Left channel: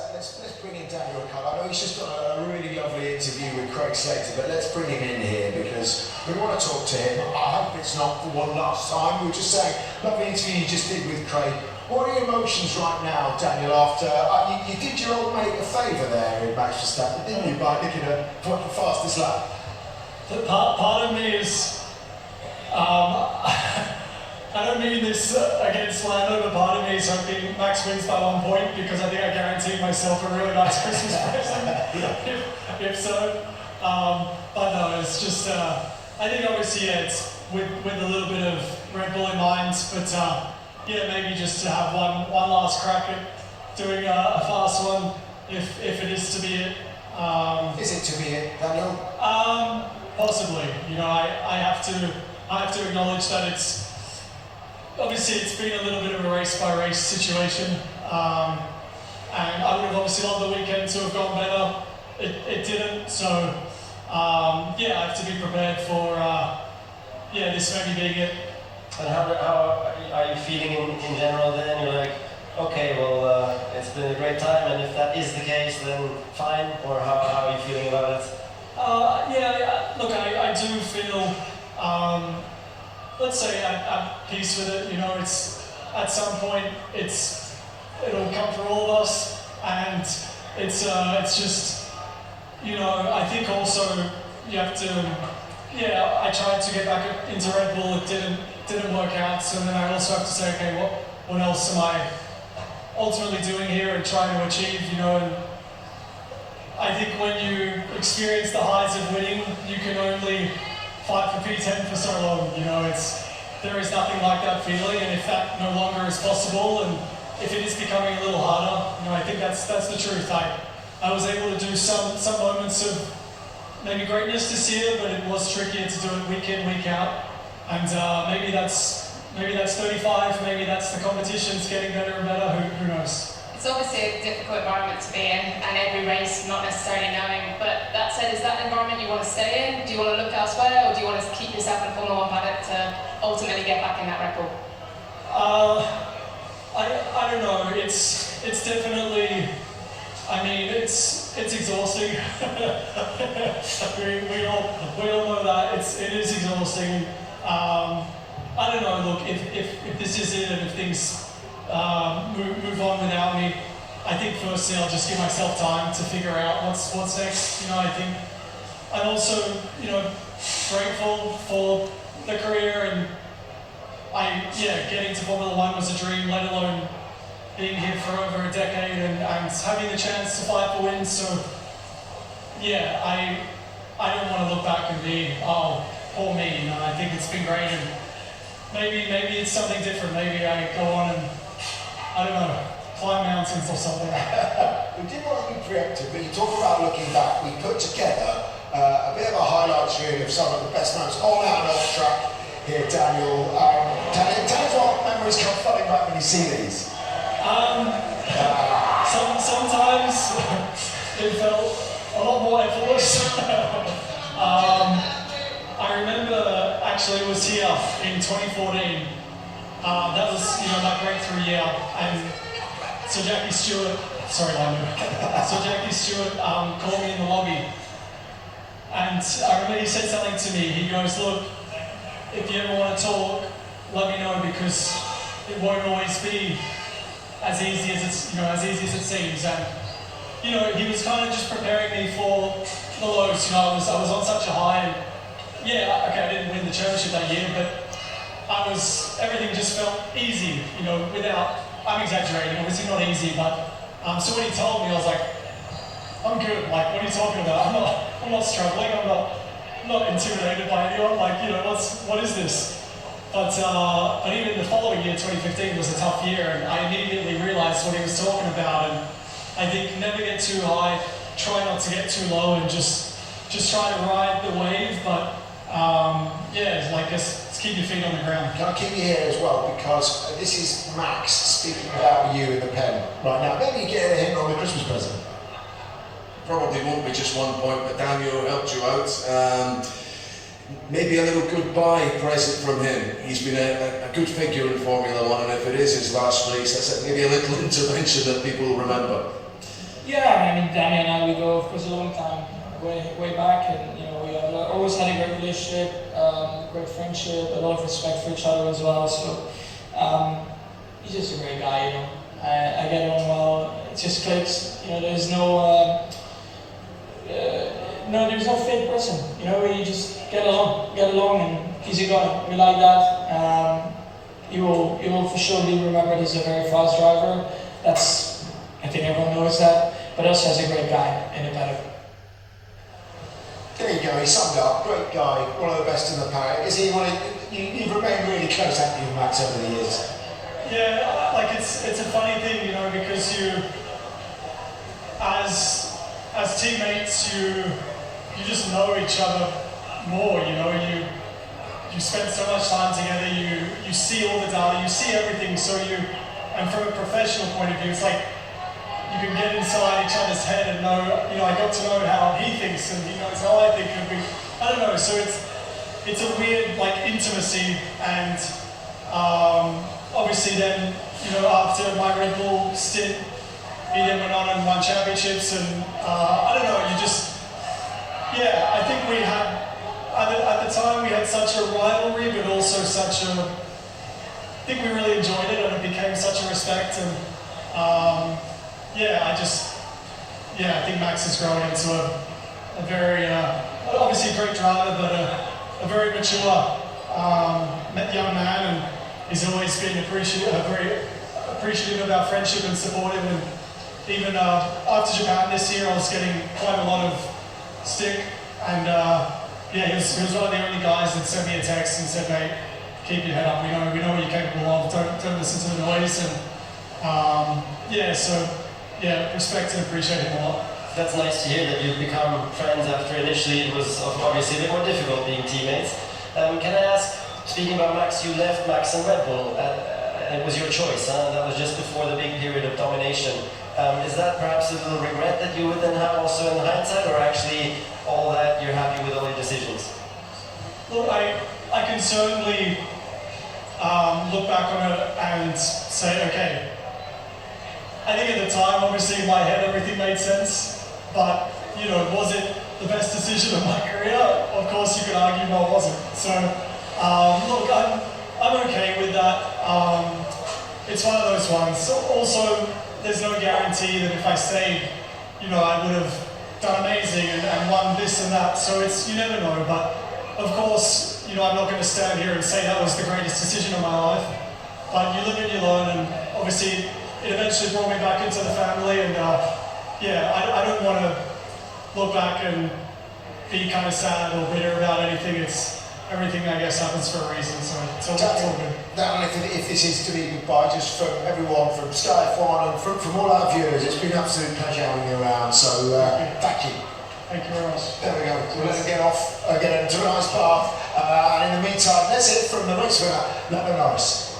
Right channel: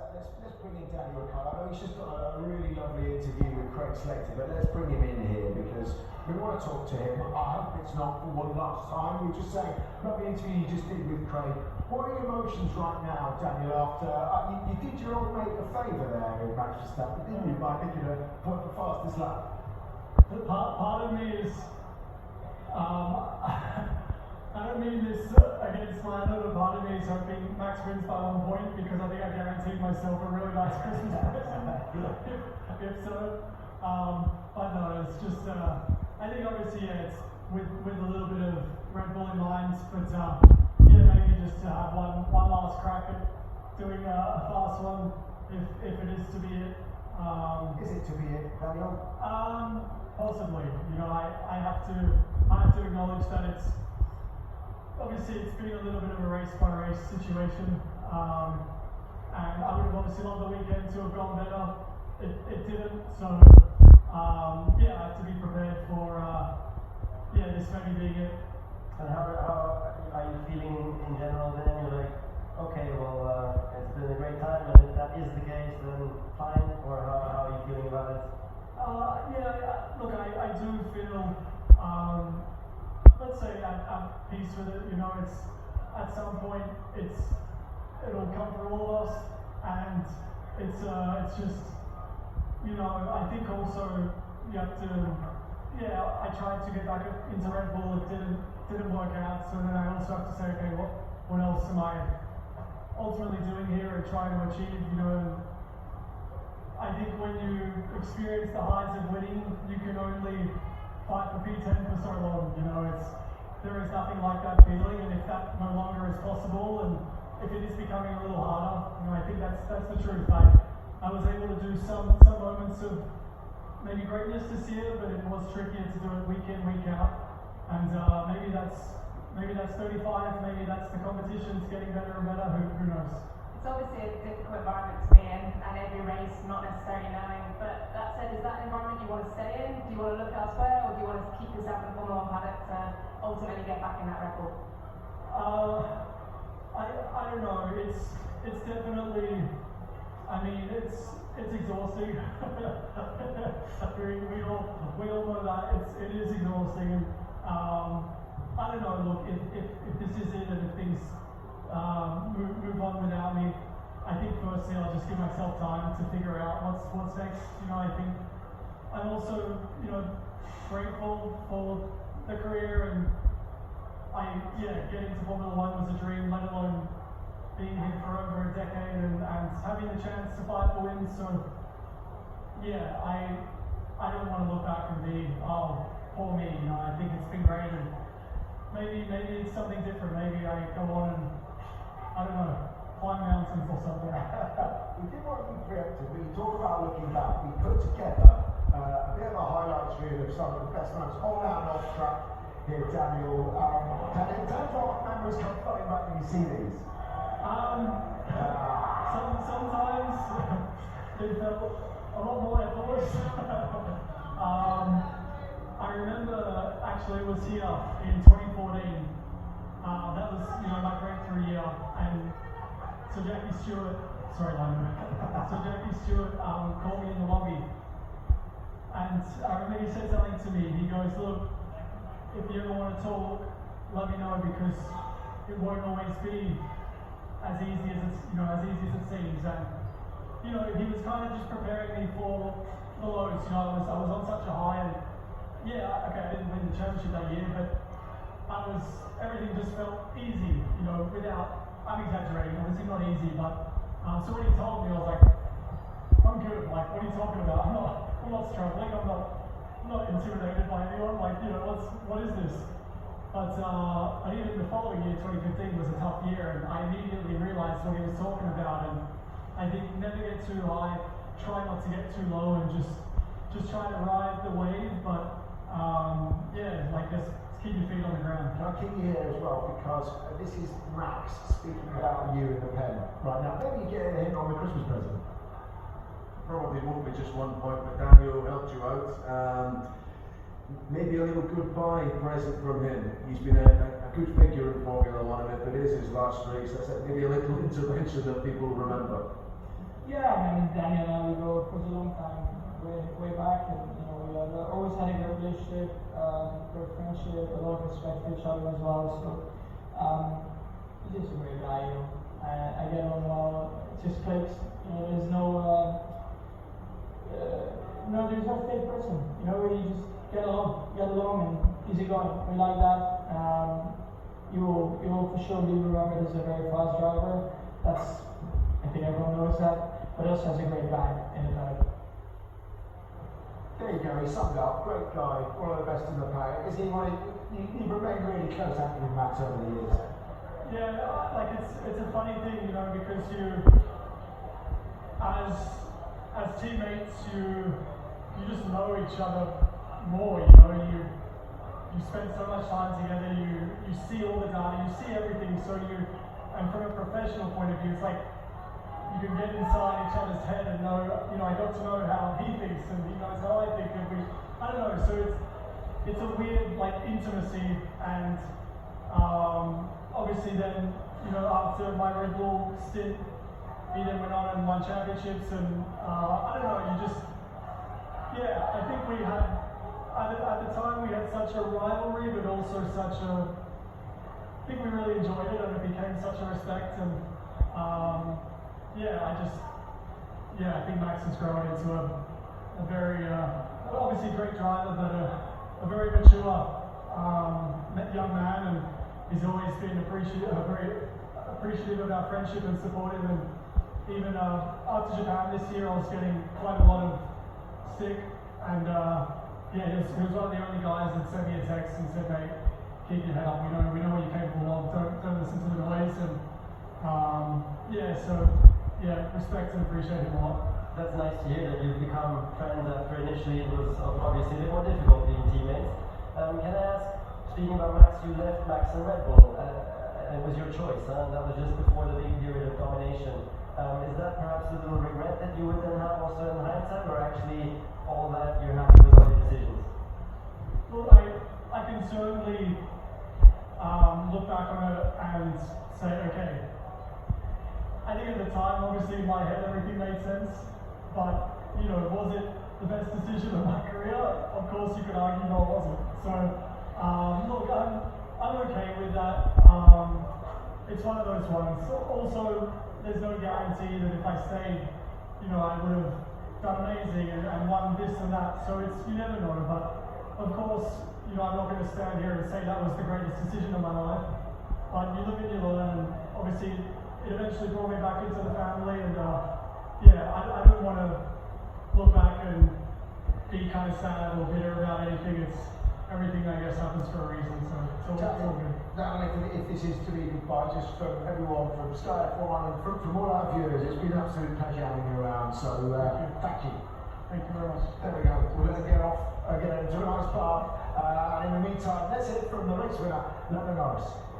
Let's bring in Daniel Ricciardo. I know he's just done a really lovely interview with Craig Slater, but let's bring him in here because we want to talk to him. I hope it's not for one last time. We were just saying, lovely interview you just did with Craig. What are your emotions right now, Daniel, after you did your old mate a favour there in Max Verstappen, didn't you, by looking at the fastest lap? Part of me is, I don't mean this against Lando, but part of me is hoping Max wins by 1 point because I think I guaranteed myself a really nice Christmas present, if so. But no, it's just, I think obviously, yeah, it's with a little bit of Red Bull in mind, but yeah, maybe just to have one last crack at doing a fast one, if it is to be it. Is it to be it, Daniel? Possibly. You know, I have to acknowledge that it's been a little bit of a race by race situation, and I would have obviously loved the weekend to have gone better. It didn't, so yeah, I have to be prepared for yeah, this maybe being it. And how are you feeling in general then? You're like, okay, well, it's been a great time, and if that is the case, then fine, or how are you feeling about it? Yeah, look, I do feel, let's say at peace with it. You know, it's at some point it'll come for all of us, and it's just, you know, I think also you have to, yeah, I tried to get back into Red Bull, it didn't work out, so then I also have to say, okay, what else am I ultimately doing here and trying to achieve, you know, and I think when you experience the highs of winning, you can only fight for P10 for so long, you know, there is nothing like that feeling, and if that no longer is possible, and if it is becoming a little harder, you know, I think that's the truth. I was able to do some moments of maybe greatness this year, but it was trickier to do it week in, week out, and maybe that's 35, maybe that's the competition's getting better and better, who knows. It's obviously a difficult environment to be in, and every race not necessarily knowing, but that said, is that an environment you want to stay in? Do you want to look elsewhere, or do you want to keep yourself in a Formula 1 paddock to ultimately get back in that Red Bull? I don't know, it's definitely, I mean, it's exhausting. we all know that, it is exhausting. I don't know, look, if this is it, and if things move on without me, I think firstly I'll just give myself time to figure out what's next. You know, I think I'm also, you know, grateful for the career, and getting to Formula 1 was a dream, let alone being here for over a decade and having the chance to fight for wins. So yeah, I don't want to look back and be, oh, poor me, you know. I think it's been great, and maybe it's something different. Maybe I go on and, I don't know, climb mountains or something. We didn't want to be preemptive, but you talk about looking back. We put together a bit of a highlights reel of some of the best moments on and off track here, Daniel. Tell us what memories come flooding back when you see these. Sometimes it felt a lot more effortless. I remember actually it was here in 2014. That was, you know, my breakthrough year, and so Jackie Stewart called me in the lobby, and I remember he said something to me. He goes, look, if you ever want to talk, let me know, because it won't always be as easy as it seems. And you know, he was kind of just preparing me for the lows. You know, I was on such a high, and yeah, okay, I didn't win the championship that year, but everything just felt easy, you know, I'm exaggerating, obviously not easy, but so when he told me, I was like, I'm good, like, what are you talking about? I'm not struggling, I'm not intimidated by anyone, like, you know, what is this? But even the following year, 2015, was a tough year, and I immediately realized what he was talking about, and I think never get too high, try not to get too low, and just try to ride the wave, but yeah, like, just keep your feet on the ground. Can I keep you here as well, because this is Max speaking about you in the pen right now. Maybe you get a hint on the Christmas present. Probably won't be just 1 point, but Daniel helped you out. Maybe a little goodbye present from him. He's been a good figure in Formula 1, and if it is his last race, that's maybe a little intervention that people will remember. of course, a long time, way back, and we have always had a great relationship, great friendship, a lot of respect for each other as well. So he's just a great guy. I get along well. It just clicks. There's there's no fake person. We just get along, and he's a guy. We like that. He will for sure be remembered as a very fast driver. I think everyone knows that. But also as a great guy in the paddock. There you go, he summed up. Great guy, one of the best in the paddock. Is he you've remained really close, haven't you, Max, over the years? Yeah, like it's a funny thing, because you, as teammates, you just know each other more. You spend so much time together. You see all the data, you see everything. So and from a professional point of view, it's like you can get inside each other's head and know. I got to know how he thinks, and he knows how I think. I don't know. So it's a weird intimacy, and obviously then after my Red Bull stint, he then went on and won championships, and I don't know. I think we had at the time we had such a rivalry, but also I think we really enjoyed it, and it became such a respect, and I think Max has grown into a very, obviously a great driver, but a very mature young man, and he's always been very appreciative of our friendship and supportive, and even after Japan this year, I was getting quite a lot of stick, and he was one of the only guys that sent me a text and said, "Mate, keep your head up. We know what you're capable of. Don't listen to the noise." And respect and appreciate him a lot. That's nice to hear that you've become friends after initially it was obviously a bit more difficult being teammates. Can I ask, speaking about Max, you left Max and Red Bull. It was your choice, huh? That was just before the big period of domination. Is that perhaps a little regret that you would then have also in hindsight, or actually all that you're happy with all your decisions? Look, I can certainly look back on it and say, okay, I think at the time, obviously in my head, everything made sense, but was it the best decision of my career? Of course, you could argue, no, it wasn't. So, look, I'm okay with that. It's one of those ones. Also, there's no guarantee that if I stayed, I would have done amazing and won this and that. So you never know. But of course, I'm not going to stand here and say that was the greatest decision of my life. But you live and you learn, and obviously it eventually brought me back into the family. And I don't want to look back and be kind of sad or bitter about anything. Everything, I guess, happens for a reason, so it's all good. Dan, if this is to be goodbye, just from everyone, from Sky F1 and from all our viewers, it's been an absolute pleasure having you around, so thank you. Thank you very much. There we go. We'll let them get off, get into a nice bath, and in the meantime, that's it from the race winner, Daniel Ricciardo.